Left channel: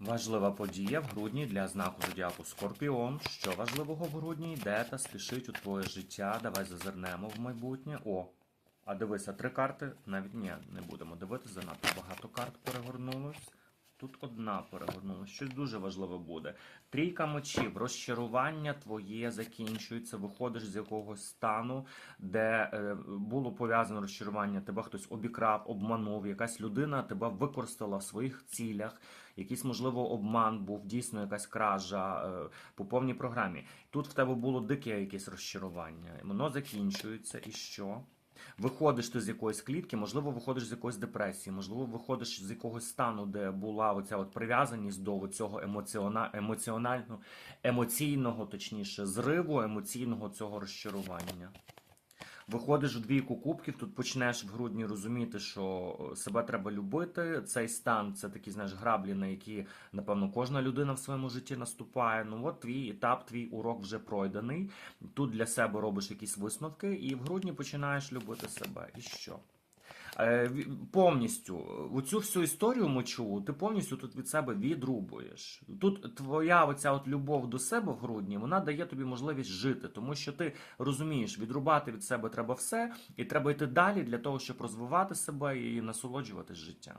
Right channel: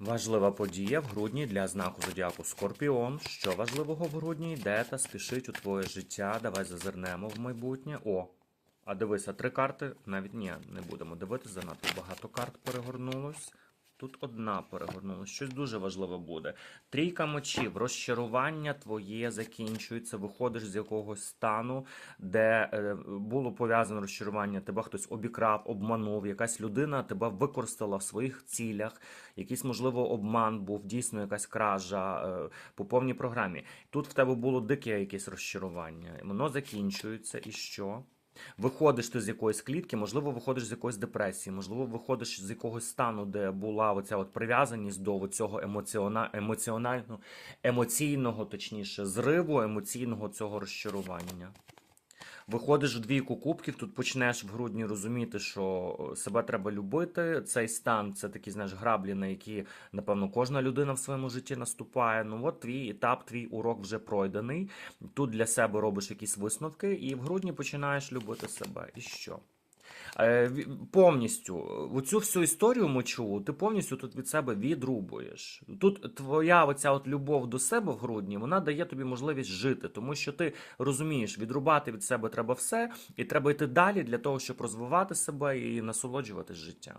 Важлива подія в грудні для знаку зодіаку Скорпіон. Що важливого в грудні йде та спішить у твоє життя? Давай зазирнемо в майбутнє. О, а дивися, три карти. Навіть ні, не будемо дивитися, занадто багато карт перегорнулось. Тут одна перегорнулась. Щось дуже важливе буде. Трійка мечів, розчарування твоє закінчується, виходиш з якогось стану, де е, було пов'язане розчарування, тебе хтось обікрав, обманув, якась людина тебе використала в своїх цілях, якийсь, можливо, обман був, дійсно якась кража е, по повній програмі. Тут в тебе було дике якесь розчарування. Воно закінчується, і що? Виходиш ти з якоїсь клітки, можливо, виходиш з якоїсь депресії, можливо, виходиш з якогось стану, де була оця от прив'язаність до цього емоціона... емоціонального, емоційного, точніше, зриву, емоційного цього розчарування. Виходиш в двійку кубків, тут почнеш в грудні розуміти, що себе треба любити. Цей стан це такі, знаєш, граблі, на які, напевно, кожна людина в своєму житті наступає. Ну от твій етап, твій урок вже пройдений. Тут для себе робиш якісь висновки, і в грудні починаєш любити себе. І що? Е, повністю оцю всю історію мочу ти повністю тут від себе відрубуєш. Тут твоя оця от любов до себе в грудні вона дає тобі можливість жити, тому що ти розумієш, відрубати від себе треба все, і треба йти далі для того, щоб розвивати себе і насолоджуватись життям.